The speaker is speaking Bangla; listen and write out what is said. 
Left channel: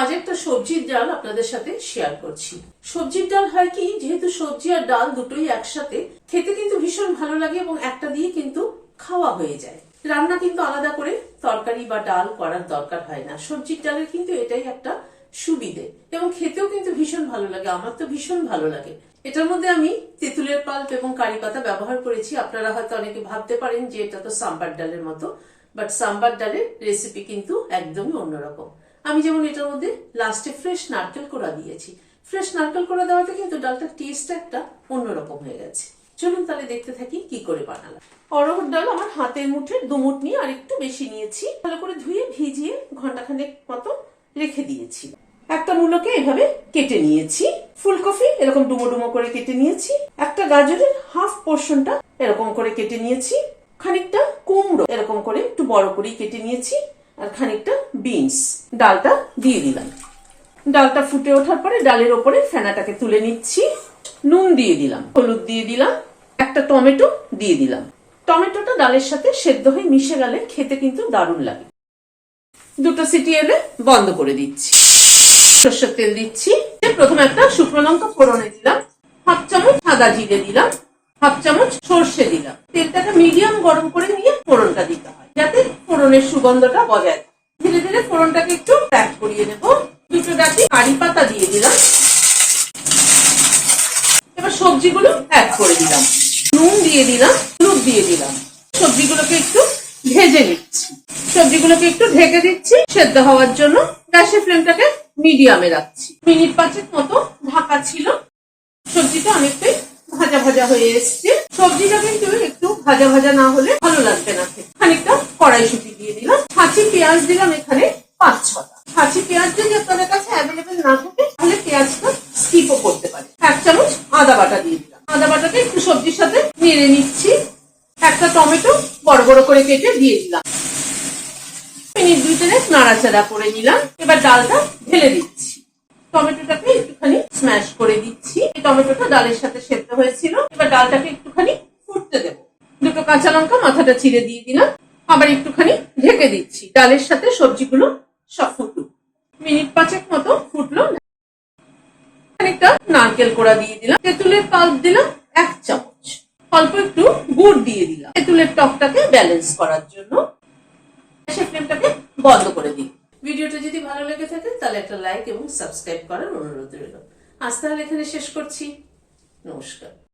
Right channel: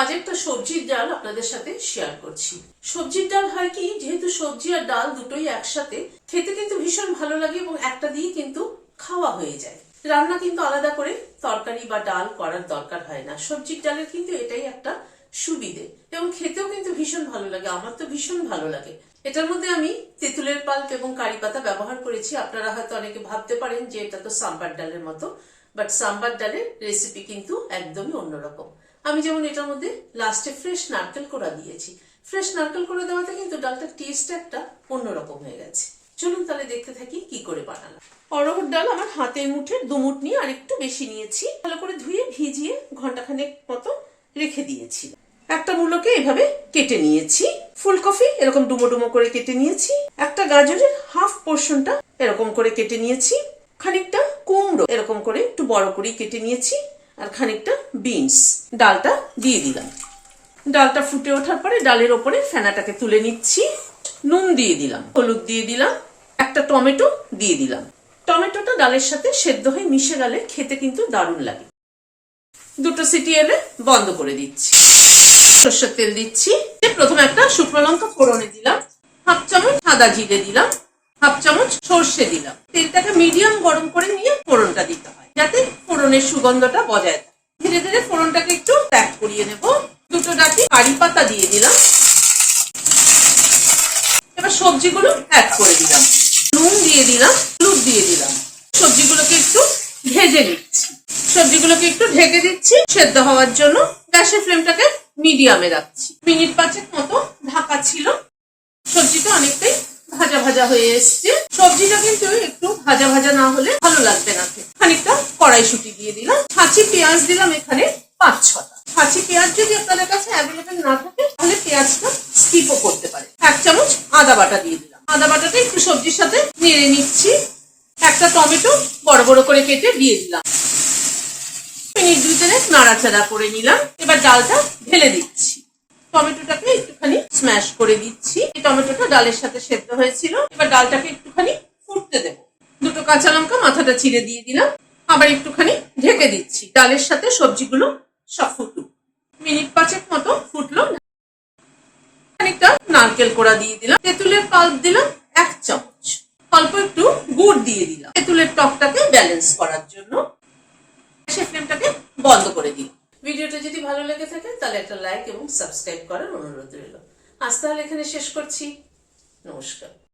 আজ একটা সবজির ডাল আপনাদের সাথে শেয়ার করছি। সবজির ডাল হয় কি, যেহেতু সবজি আর ডাল দুটোই একসাথে, খেতে কিন্তু ভীষণ ভালো লাগে এবং একটা দিয়ে কিন্তু খাওয়া হয়ে যায়। রান্না কিন্তু আলাদা করে তরকারি বা ডাল করার দরকার হয় না। সবজির ডালের কিন্তু এটাই একটা সুবিধে এবং খেতেও কিন্তু ভীষণ ভালো লাগে। আমার তো ভীষণ ভালো লাগে। এটার মধ্যে আমি তেঁতুলের পাল্প এবং কারি পাতা ব্যবহার করেছি। আপনারা হয়তো অনেকে ভাবতে পারেন যে এটা তো সাম্বার ডালের মতো, বাট সাম্বার ডালের রেসিপি কিন্তু একদমই অন্যরকম। আমি যেমন এটার মধ্যে লাস্টে ফ্রেশ নারকেল কোড়া দিয়েছি। ফ্রেশ নারকেল কোড়া দেওয়াতে কিন্তু ডালটার টেস্ট একটা অন্যরকম হয়ে গেছে। চলুন তাহলে দেখতে থাকি কি করে বানালাম। অরহর ডাল আমার হাতের মুঠের দুমুঠ নিয়ে আর একটু বেশি নিয়েছি। ভালো করে ধুয়ে ভিজিয়ে ঘন্টাখানেক মতো রেখে দিয়েছি। একটা মূলোকে এভাবে কেটে নিয়েছি। ফুলকপি এরকম ডুমো ডুমো করে কেটে নিয়েছি। একটা গাজরের হাফ পোর্শনটা এরকম করে কেটে নিয়েছি। খানিকটা কুমড়ো এরকম করে একটু বড় করে কেটে নিয়েছি। আর খানিকটা বিনস। ডালটা দিয়ে দিলাম। ডালটা ফুটে ওঠার পরে ডালের ওপরে ফেনাটাকে তুলে নিচ্ছি। নুন দিয়ে দিলাম, হলুদ দিয়ে দিলাম, একটা টমেটো দিয়ে দিলাম। টমেটোটা ডালের সাথে সেদ্ধ হয়ে মিশে গেলে খেতে কিন্তু দারুণ লাগে। দুটো সিটি এলে বন্ধ করে দিচ্ছি। সর্ষের তেল দিচ্ছি। প্রথমে একটা শুকনো লঙ্কা ফোড়নে দিলাম, হাফ চামচ আদা জিরে দিলাম, হাফ চামচ সর্ষে দিলাম। তেলটাকে মিডিয়াম গরম করে নিয়ে ফোড়নটা দিতে হয়, যাতে ফোড়নের সুগন্ধটা বজায় থাকে। ধীরে ধীরে ফোড়নটাকে একটু প্যাক করিয়ে নেব। দুটো ডাটি কারি পাতা দিয়ে দিলাম। এবার সবজিগুলো অ্যাড করে দিলাম। নুন দিয়ে দিলাম, হলুদ দিয়ে দিলাম। সবজিগুলোকে একটু ভেজে নিচ্ছি। সবজিগুলোকে একটু ঢেকে দিচ্ছি সেদ্ধ হওয়ার জন্য। গ্যাসের ফ্লেমটাকে মিডিয়ামে রাখছি। মিনিট 5 মতো ঢাকা ছিল। সবজিটা অনেকটাই ভাজা ভাজা হয়ে এসছে। সবজিটা কিন্তু একটু ভাজা ভাজা না হলে ভালো লাগবে না। খানিকটা কড়াইশুঁটি দিয়ে দিলাম। ছাঁচি পেঁয়াজ দিলাম এখানে 5-6টা। ছাঁচি পেঁয়াজ যদি আপনাদের কাছে অ্যাভেলেবেল না থাকে তাহলে পেঁয়াজটা স্কিপও করতে পারে। 1 চামচ আদা বাটা দিয়ে দিলাম। আদা বাটাটা একটু সবজির সাথে নেড়ে নিচ্ছি। একটা টমেটো বড় বড় করে কেটে দিয়ে দিলাম। মিনিট 2 নাড়াচাড়া করে নিলাম। এবার ডালটা ঢেলে দিচ্ছি। টমেটোটাকে একটুখানি স্ম্যাশ করে দিচ্ছি। এই টমেটোটা ডালের সাথে সেদ্ধ হয়েছিল। এবার ডালটাকে একটুখানি ফুটতে দেব। দুটো কাঁচা লঙ্কা মাথাটা চিড়ে দিয়ে দিলাম। আবার একটুখানি ঢেকে দিচ্ছি। ডালের সাথে সবজিগুলো সব ফুটুক। মিনিট 5 মতো ফুটলো। খানিকটা নারকেল কোড়া দিয়ে দিলাম। তেঁতুলের পাল্প দিলাম 1 চামচ। অল্প একটু গুড় দিয়ে দিলাম তেঁতুলের টকটাকে ব্যালেন্স করার জন্য। ফ্লেমটাকে বন্ধ করে দিই। ভিডিওটা যদি ভালো লেগে থাকে তাহলে একটা লাইক এবং সাবস্ক্রাইব করার অনুরোধ রইল। আজ তাহলে এখানে শেষ করছি। নমস্কার।